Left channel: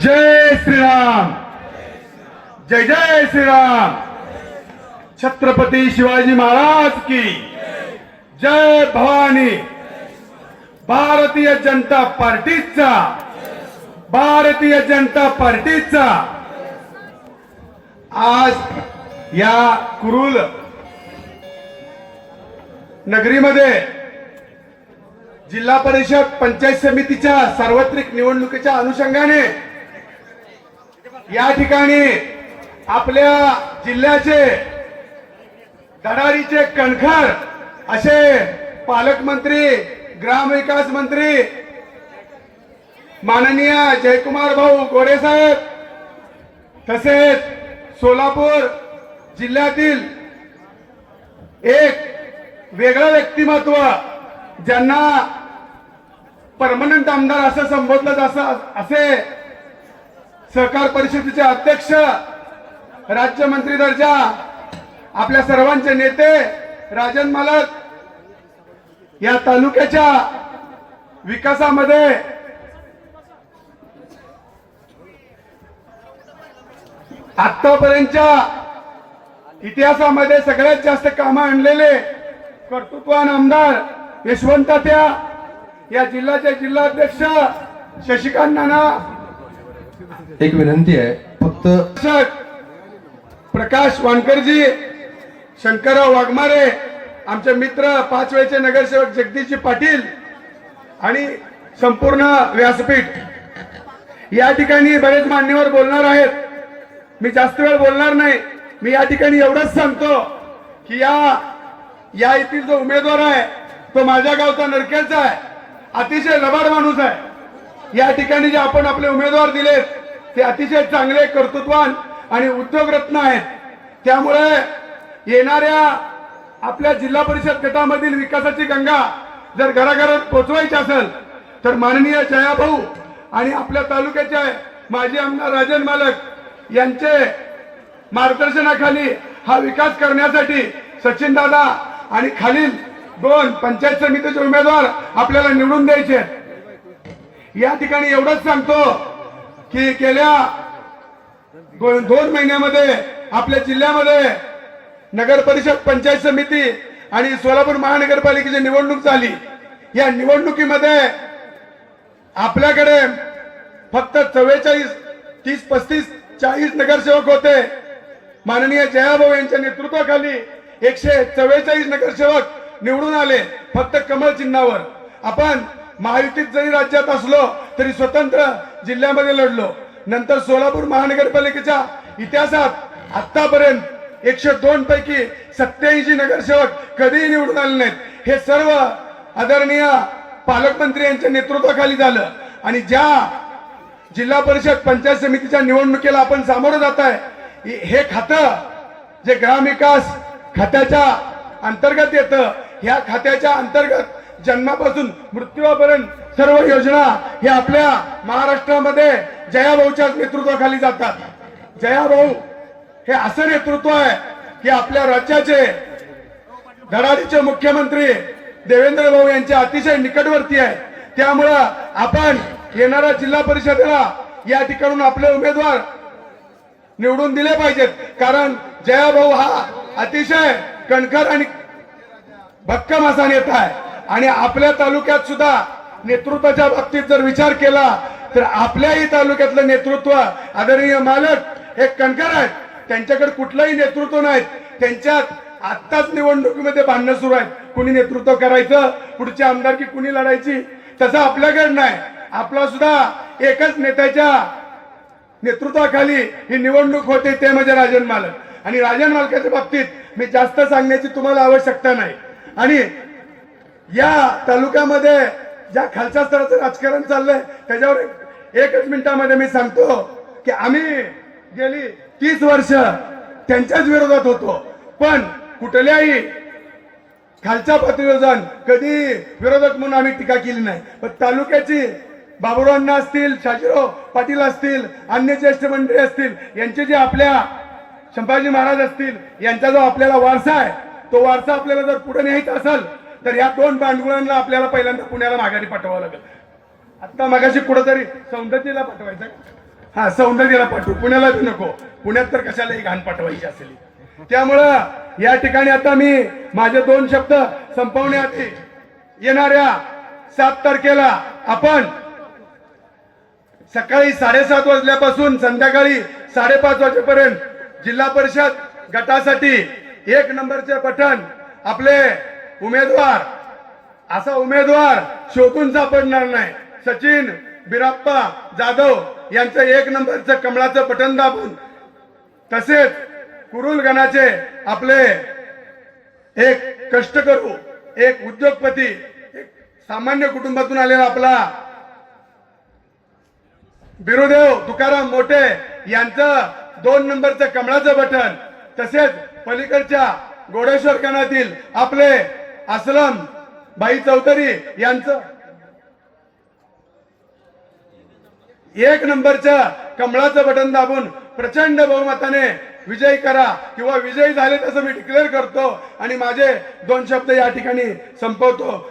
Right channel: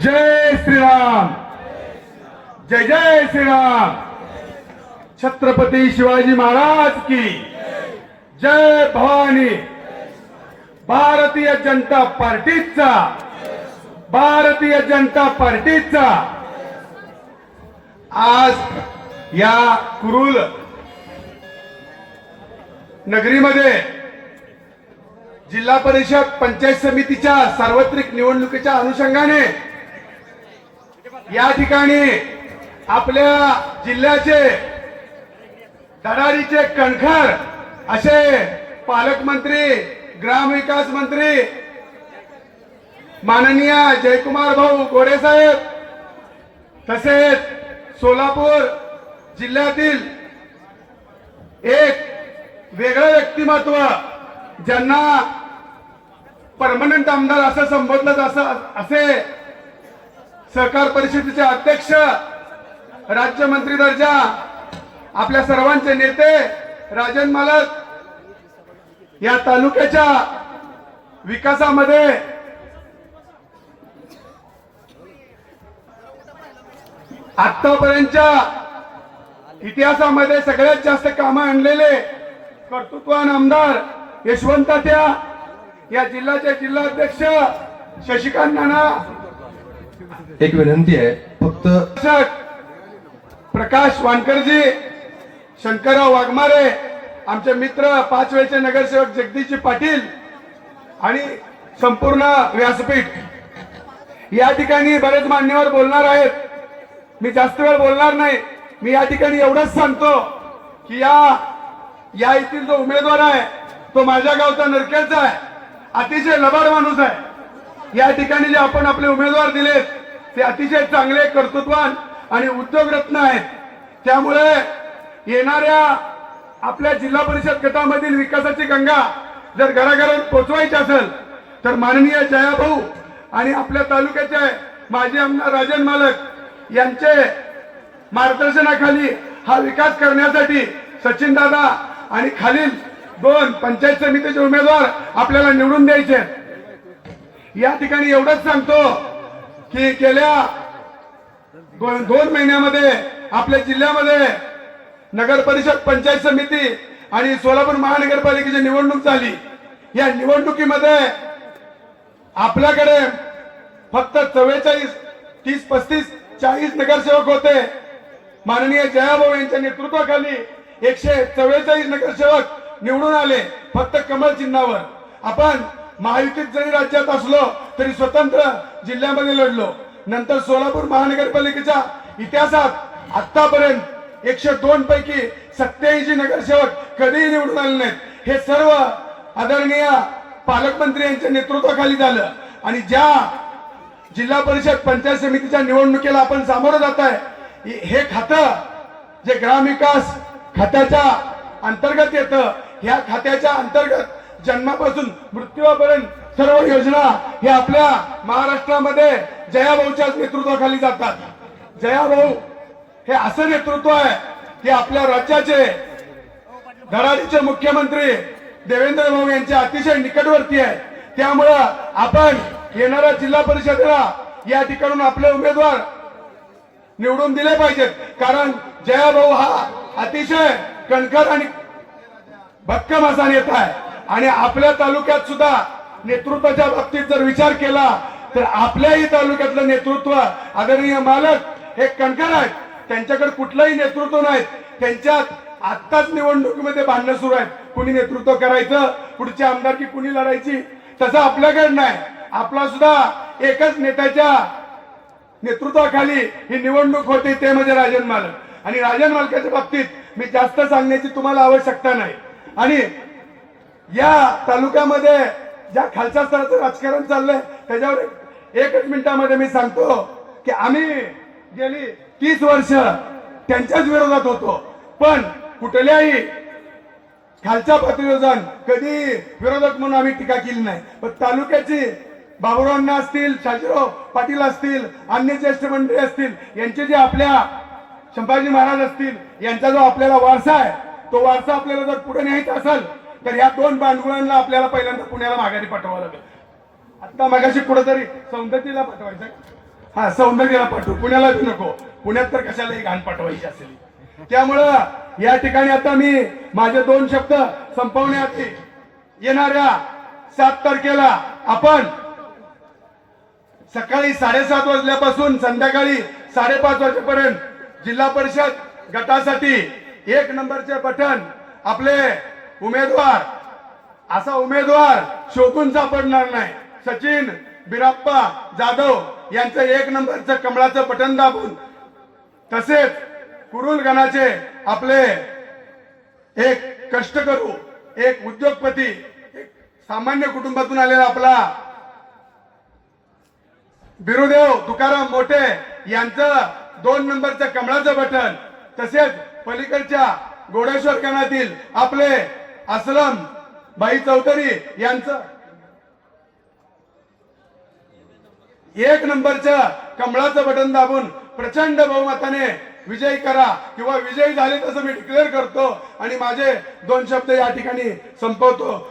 जय श्रीराम. जय जय श्रीराम. छत्रपती शिवाजी महाराज की जय भवानी. भारतीय जनता पार्टीचा भारतीय जनता पार्टीचा. आज या कुरुल नगरीमध्ये जिल्हा परिषद पंचायत समितीच्या सार्वत्रिक निवडणुकीच्या अनुषंगाने या ठिकाणी आपल्या जिल्ह्याचे दडारीचे कणखर असे पालकमंत्री ग्रामविकास मंत्री माननीय जयकुमार भाऊ गोरे साहेब तसेच सोलापूर जिल्ह्यातील एक वेगळं व्यक्तिमत्व ज्यांना परमनंट आमदार असं संबोधलं असं असे सहकार परिषदेचे अध्यक्ष राज्यमंत्री दर्जा आपल्या सर्वांचे नेते राजन मालक या तालुक्याच्या विकासामध्ये आतापर्यंतच्या इतिहासामध्ये सगळ्यात जास्त कामं आणलेले कर्तृत्वान आमदार यशवंत त्या या जिल्ह्याचे जिल्हाध्यक्ष शशिकांत नाना एक विनंती आहे. फक्त प्रकाश वानकरजी शंकरराव वाघमारे आमचे मित्र पाच वेळचे नगरसेवक जगदीशजी पाटील आणि संपूर्ण व्यासपीठ. या ठिकाणी बरेच मान्यवर बोलणार आहेत. मी जास्त वेळ बोलणार नाही. मी या ठिकाणी एवढंच सांगतो की या या येथील जो उमेदवार आहे तो माझ्या गावचा नरकेलचा आहे. अतिशय लबाड माणूस आहे. या ठिकाणी जे आपण आपले उमेदवार दिलेत ते अतिशय चांगले कर्तृत्वान आणि उद्योगरत्न आहेत त्यामुळे येणाऱ्या आपल्या जिल्हा परिषद गटामधील विकासाची गंगा जर घराघरात पोचवायची असेल तर माननीय जयाभाऊ आणि आपल्या तालुक्याचे माजी आमदार राजन मालक यांचे मार्गदर्शनाखाली हा विकास करण्यासाठी सचिन दादा आणि खालील दोन पंचायत समितीचे उमेदवार आपल्याला निवडून द्यायचे आहेत. या ठिकाणी एवढंच सांगतो की गेल्या दोन महिन्यामध्ये आपल्या जिल्ह्यामध्ये नगर परिषद पंचायत समिती आणि सोलापूर महानगरपालिकेची निवडणूक झाली. या निवडणुकीमध्ये आपल्याकडे फक्त चव्वेचाळीस तीस पस्तीस चाळीस नगरसेवक होते. माननीय जयाभाऊ यांच्या नेतृत्वाखाली एकशे चव्वेचाळीस नगरसेवक निवडून आले फक्त कमल चिन्हावर. आपण महायुतीत जरी राज्यात असलो तरी स्वतंत्र जिल्ह्यामध्ये लढलो. नंतर सोलापूर महानगरपालिकेच्या इतिहासात आतापर्यंत एकशे दोन पैकी सत्याऐंशी नगरसेवक कधीही निवडून आले नाहीत. हे सर्व आदरणीय पालकमंत्री यांच्या नेतृत्वाखाली झालं. आणि ज्या जिल्हा परिषद पंचायत समितीच्या निवडणुकीला आपण सामोरं जात आहे हे खातं जे ग्रामविकास खात्याच्या अंतर्गत येतं ह्या खात्याच्या अंतर्गत जन्मापासून मृत्यूपर्यंत सर्व योजना हे आपल्या महाराष्ट्रामध्ये जयाभाऊच्याच नेतृत्वाखाली जातात. जयाभाऊ हे असं नेतृत्व आहे की आपल्या राज्याचे धडाडीचे मुख्यमंत्री देवेंद्र भाऊ यांच्या अतिशय निकटवर्ती आहे. त्यामुळं आपण येणाऱ्या जिल्हा परिषदेला या ठिकाणून आपले उमेदवार निवडून दिले पाहिजेत. कारण जयाभाऊ हा अतिशय कणखर आणि भक्कम असा नेता आहे. आणि आपल्या तालुक्यात सुद्धा नेतृत्वाच्या बाबतीत जर विचार केला तर आपल्याही तालुक्यातलं नेतृत्व आदरणीय मालक हे कणकार आहेत. त्यांच्याकडे कुठलंही नेतृत्व नाही त्यांच्यात आत्ताच निवडणुकीमध्ये भांडणं सुरू आहेत. कुणी नेतृत्व करायचं पुढची आमदारकी कुणी लढायची तसं आपल्याकडे नाही. आपला सुद्धा एकच नेत्याच्या नेतृत्वाखाली ही निवडणूक होते ते म्हणजे राजन मालक. आणि राजन मालकाच्या बाबतीत मी जास्त सांगण्याची तुम्हाला आवश्यकता नाही. आणि या तालुक्यामध्ये ज्या खालच्या स्तराचं राजकारण चाललंय त्याच्यावर एकच मिनिटामध्ये मी सांगतो की आम्ही गेली तीस वर्ष त्यांच्याच विरोधात होतो. पण कुठल्याही खालच्या पातळीवर जाऊन कधी विरोधक म्हणून आम्ही टीका केली नाही. पण तालुक्याची बाबुरावांना असतील शाजीराव पाटील असतील अन्य ज्येष्ठ मंडळी असतील यांचे जे आपल्या संभाजी महाराज असतील यांचा जो आपल्याला वारसा आहे तो वारसा आपल्याला जर पुढे न्यायचा असेल तर या दोन बांडगुळांना आपल्याला पहिल्यांदा पुण्याला माघारी पाठवावं लागेल. आता मगाशी कुठंतरी सौंदर्यला पाठवायचं हा सौंदर्याला पाठवू. पुण्याला बी नको. पुण्यात तर कशालाही घाण पाठवायची असेल? त्यामुळं या ठिकाणी आता मी माझे दोन शब्द संपवण्याआधी येणाऱ्या सात तारखेला आपण सकाळी साडेसात वाजल्यापासून संध्याकाळी साडेपाच वाजेपर्यंत जिल्हा परिषद गटासाठी एक नंबरचे बटन आपले उमेदवार असा उमेदवार शोधून सापडणार नाही. सचिन बिराप्पा जाधव यांचं एक नंबरचं कमळाचं बटन दाबून तसेच कुरुल गणाचे आपले एक कष्टकरू एक उद्योगपती एक सामान्य कुटुंबातून आलेला आपला बिरुदेव तुकाराम मोठे यांचं दोन नंबरचं कमळाचं बटन तसेच पलीकडच्या गोडेश्वर गणातील आपले असलम भाई चौधरी यांचं. एक नंबरच्या कमळाचं बटन दाबून प्रचंड बहुमताने विजय करा किंवा विजयी झाले तसं मी डिक्लेअर करतो आणि माझे दोन शब्द या ठिकाणी संपवतो.